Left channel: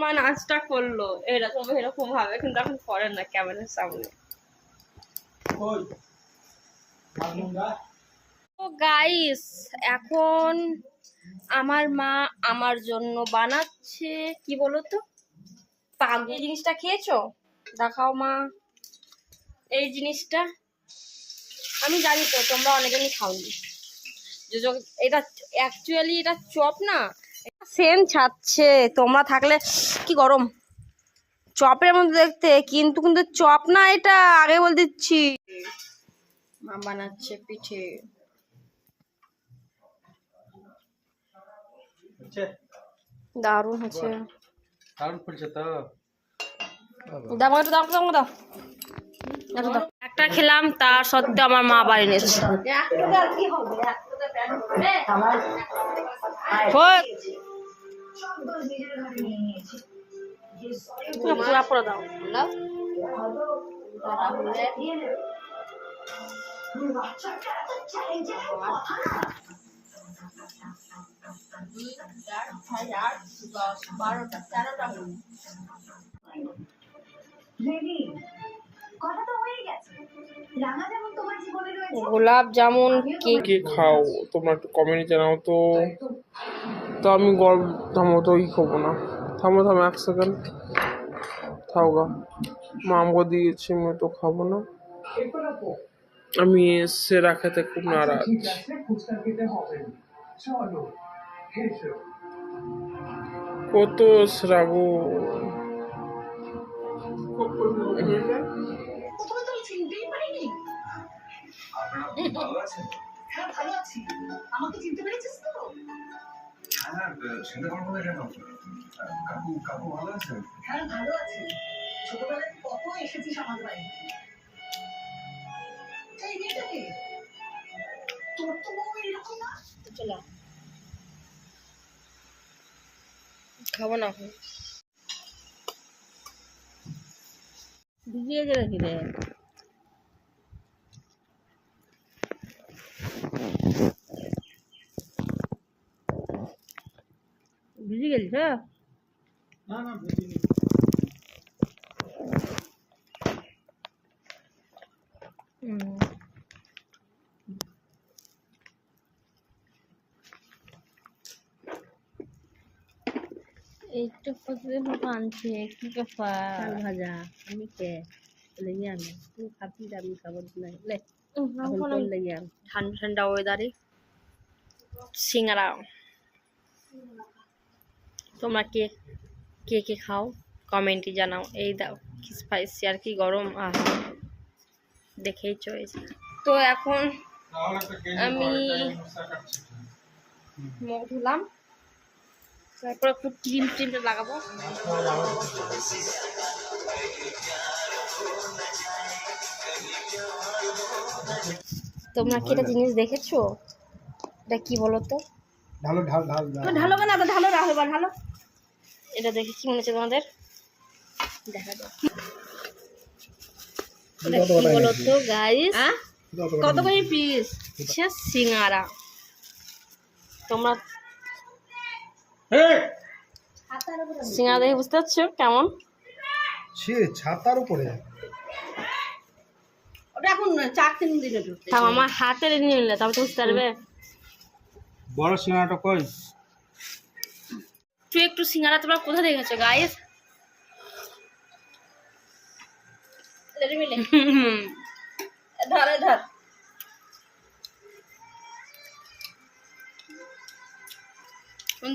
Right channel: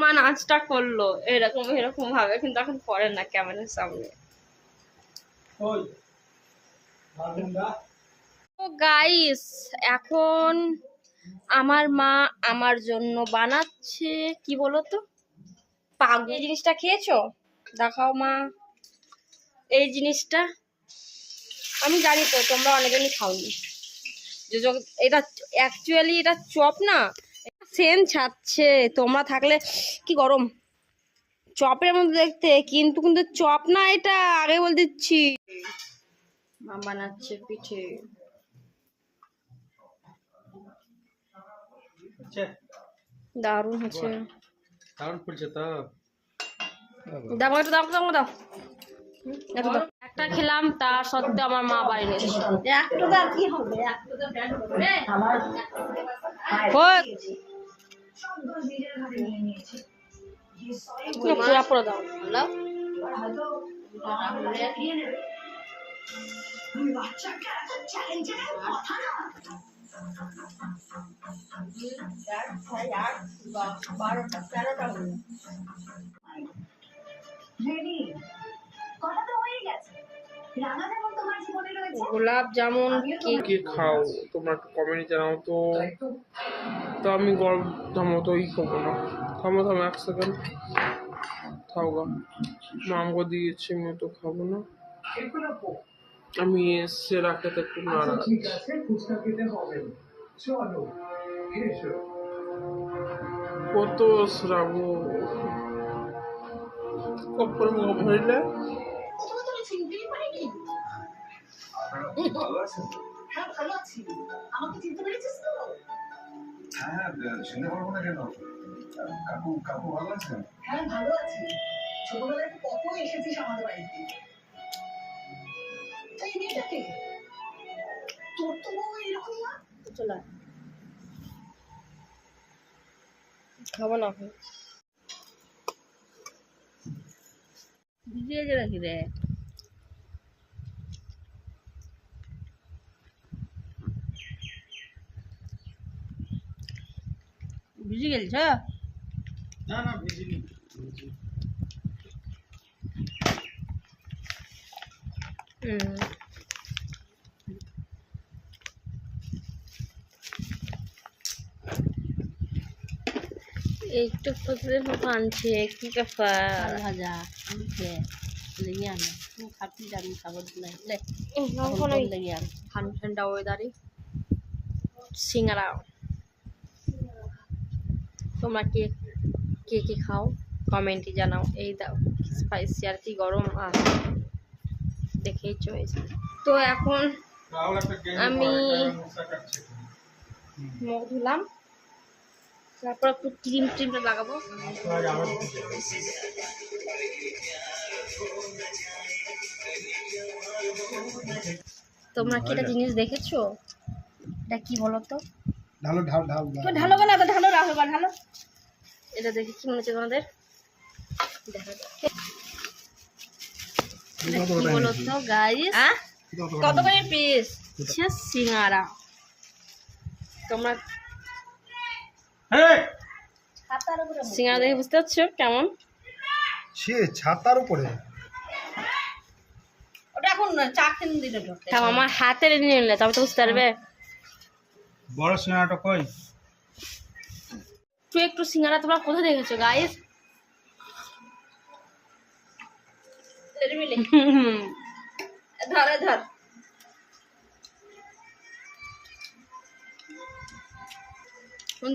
মা নাচটা করলো এরকম এরকম ভাবে, কিন্তু এখন করে না ক্যামেরার সামনে। তো গাইস এখন আমার মা আমার জন্য বানাচ্ছে কি বলো তো, এই জিনিসটা খেয়েছো? দেখাও মা এই জিনিসটা। আমি জানি তো তোমরা অনেকজনই খাওনি। এটা অ্যাকচুয়ালি এটা চপ না, সেম ছাড়ছে। তোমরা থাকলে কি গরম চপের মধ্যে দেখতে, কিন্তু কিন্তু চপ না, এটা আগে বলে দিচ্ছি। মা বানাচ্ছে পিঠে। দারুণ হচ্ছে, দারুণ ফুলছে তো। দাও একটু দাও দাও দাও একটু দাও। একটা খেলাম তার সত্ত্বেও আমার মা বাড়ি নিয়েছে। পুরা পুরো দাও। গোলাপ জামুন কে খাও তোমরা একটু কমেন্টে জানাও তো। তো আমি গরম থামো তো খাবো না। থামো এক সেকেন্ড থাও গা। মা আমাকে দিয়েছে, আমি তো খাবো না। আমি সেরা খেতে খুব নারাজ। কত শ্রাবো হ্যাঁ ভালো আছি। আমাকে চিনতে পেরেছিস তো? হ্যাঁ চিনতে পারবো না কেন? কাকু কাকু ভালো আছেন? হ্যাঁ ভালো আছি। ছোটবেলায় কত এসেছিস আমাদের বাড়িতে। এই মেয়েটা কে? তোর তো বউ এরকম না। চলো খাবো না এখন। ভিজিয়ে গেলে কি রে? ভিজে গেলছ? না না ভিজিনি। একটু ফসলে আনছে কি কাফা ভাজা আমি খেয়ে লেগে আনো তুমি খাবি আমি খাবো না লেগে আন ঠান্ডা ঠান্ডা ওয়েদারে সিঙ্গারা। তোমরা কে কে কে খাও কমেন্টে জানাও। এই দাও কি স্পাইসি আর কি গরম, আহ দেখেই চয়েছে। তো এখন আমি মুখ ধুলাম, তারপর একটু ক্রিমটা লাগাবো। তোমরা কি এটা জিনিস দেখেছো? এটা কি বলো তো? ঢালো ঢাল ঢাল ঢালো কেন? ঢালো রাখো বা ঢালো। এটা দেখে কি মনে হচ্ছে তোমাদের? দেখা যাক এটা কি বলো তো গাইস। কত করে পিস? সিঙ্গারা। তোমরা সিঙ্গারা দেখে বুঝতে পারছো কেমন? ছাতার উপরে ওটা এখন 4-3 দিনে ঢুকতে। তাও আমার হাতে নিয়ে নিলে তবে তো বুঝতে পারবে। বড় সিঙ্গারাটা কই? তুই একটু সিঙ্গারা তোমরা কোথায় দেখেছো গাইস? ধর ধর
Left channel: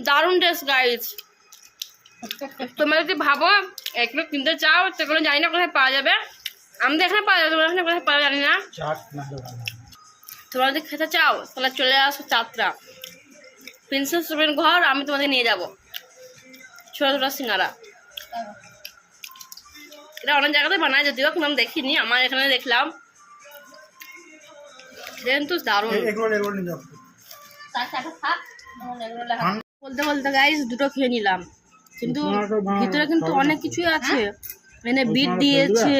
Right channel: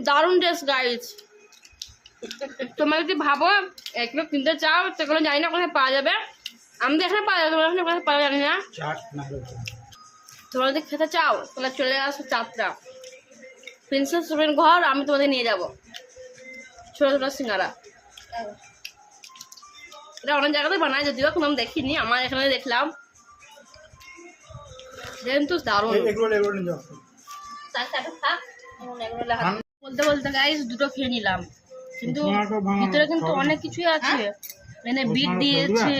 দারুণ টেস্ট গাইস। তোমরা যদি ভাবো এগুলো কিনতে চাও সেগুলো জানি না কোথায় পাওয়া যাবে। আমাদের এখানে পাওয়া যাবে, তোমাদের এখানে কোথায় পাওয়া জানি না। তোমরা যদি খেতে চাও তাহলে চলে আসো চাতরা প্রিন্সেস রুবের ঘর, আমি তোমাদের নিয়ে যাবো। ছোট ছোট সিঙ্গারা এটা অনেক জায়গাতে বানায়, যদিও কিন্তু আমি দেখিনি, আমার এখানে দেখলাম কিন্তু দারুণ। বলতে বলতে গাইস দুটো খেয়ে নিলাম, কিন্তু ভিতরে কিন্তু অনেক কিছুই আছে। মানে বিট দিয়েছে,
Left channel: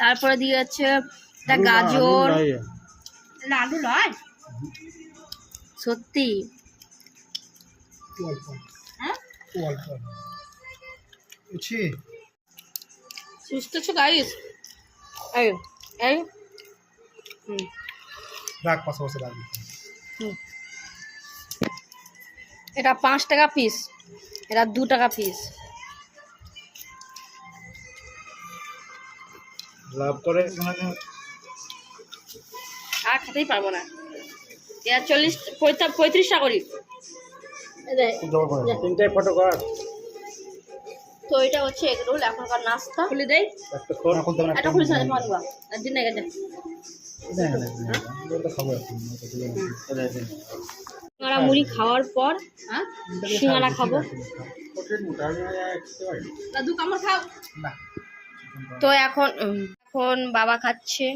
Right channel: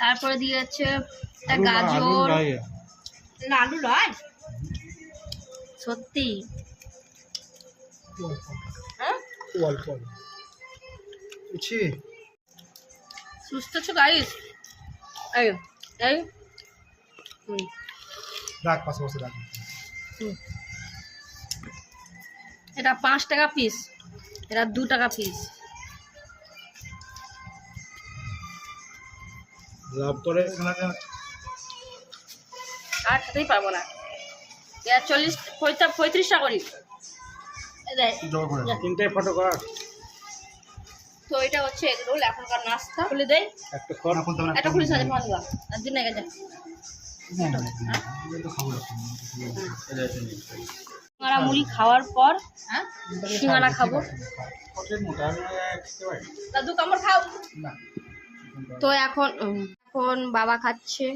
তারপরে দিয়েছে একটা গাজর, আলু নয় সত্যি। হ্যাঁ অল্প অল্প বুঝছি। সুস্থ আছো গাইস? এই এই রাখ পাশাপাশি রাখ। এটা 5 টাকা পিস, এটা 2 টাকা পিস। লাভ করে আর খেতেই পারবো না। এটা 35 টাকা করি। এই যে, জোগাড় করে তিনটে ফটো কাট। তো এটা হচ্ছে এগরোল এখনকার নাস্তা। খুলে দেই, একটা খোর খুলতে হবে না। এটা খুলে সাথে মারবা একদিন না গেছে। তো খাবো এখন। সিঙ্গারা মুড়ি খাওয়ার পর সিঙ্গারা খাবো। দাদু কামড় খাও। না তো এখন বাবা খাচ্ছে।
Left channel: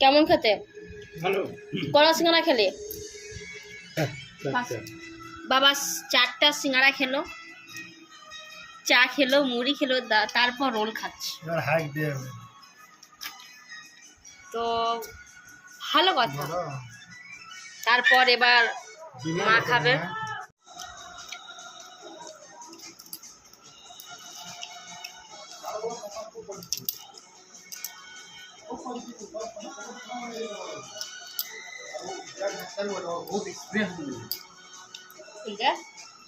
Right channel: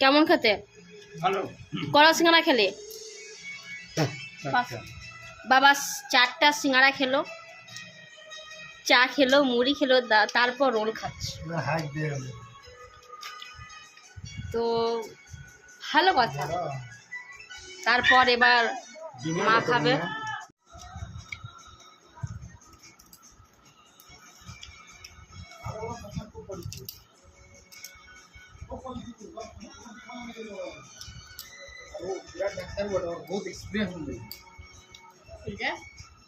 কেমন খেতে? ভালো। কড়া সিঙ্গারা খেলে? বাবা 4টা সিঙ্গারা খেলো, চা খেলো, মুড়ি খেলো, তারপর রোল খাচ্ছে। হাইক দিয়ে তো ভালো কথা। তারপর এবার মা খাবে। বহুত এক্সপিরিয়েন্স এটা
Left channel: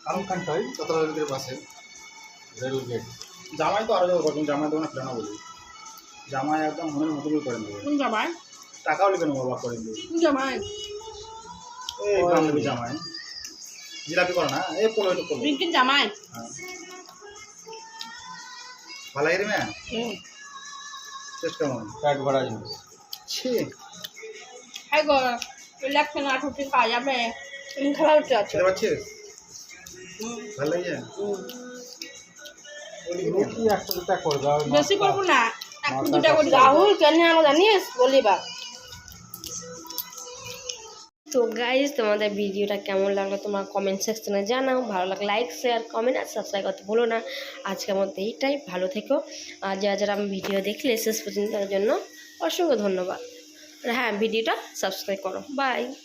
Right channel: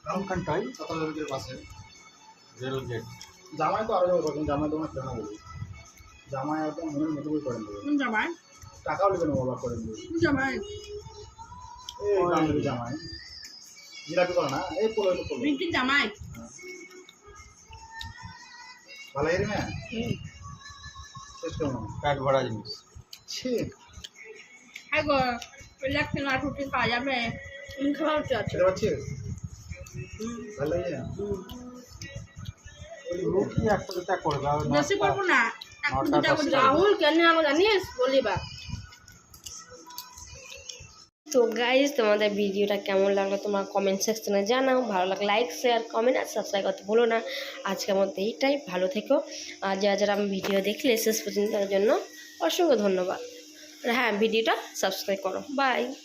কারণ কান্টাই চতরাজের পাশে রেল গেট। জামাই তো আরো যাবো করবেন, জামাই দোকানে প্রাণা বলি। জামাই একদম মনের মতো করে করেন দেবে। কোন জামাই? টাকাও নেবেন বাবা করেন দেবে। কোন জামাই? এই গ্রাম দেবী জামাই জিলাপি করে না, এই পোলো এটা পোলো। রিঙ্কিন জামাই। ভালো লাগে রে ম্যা। টেস্ট কেমন? পেট ভরা জিনিস। ছি হাই গো, রিল্যাক্স না ঠুটি খাওয়া যাবে। তুমি খাওয়া হচ্ছে আছে। খেতে পাচ্ছিস? ভালো লাগে? বেশি করবো না, 1-2টা করে। রাহুল কেন আমরা জানিস বলি বা। তো গাইজ, তোমাদের ভিডিওটা কেমন লাগলো তোমরা কমেন্ট সেকশনে জানাও। ভালো লাগলে লাইক, শেয়ার, কমেন্ট আর সাবস্ক্রাইব করতে ভুলো না। আজকের মধ্যে এইটাই, ভালো থেকো। আর যারা আমি ভিডিও দেখলে শেষ পর্যন্ত তার জন্য অসংখ্য ধন্যবাদ। আর হ্যাঁ, ভিডিওটা সাবস্ক্রাইব করো। বাই।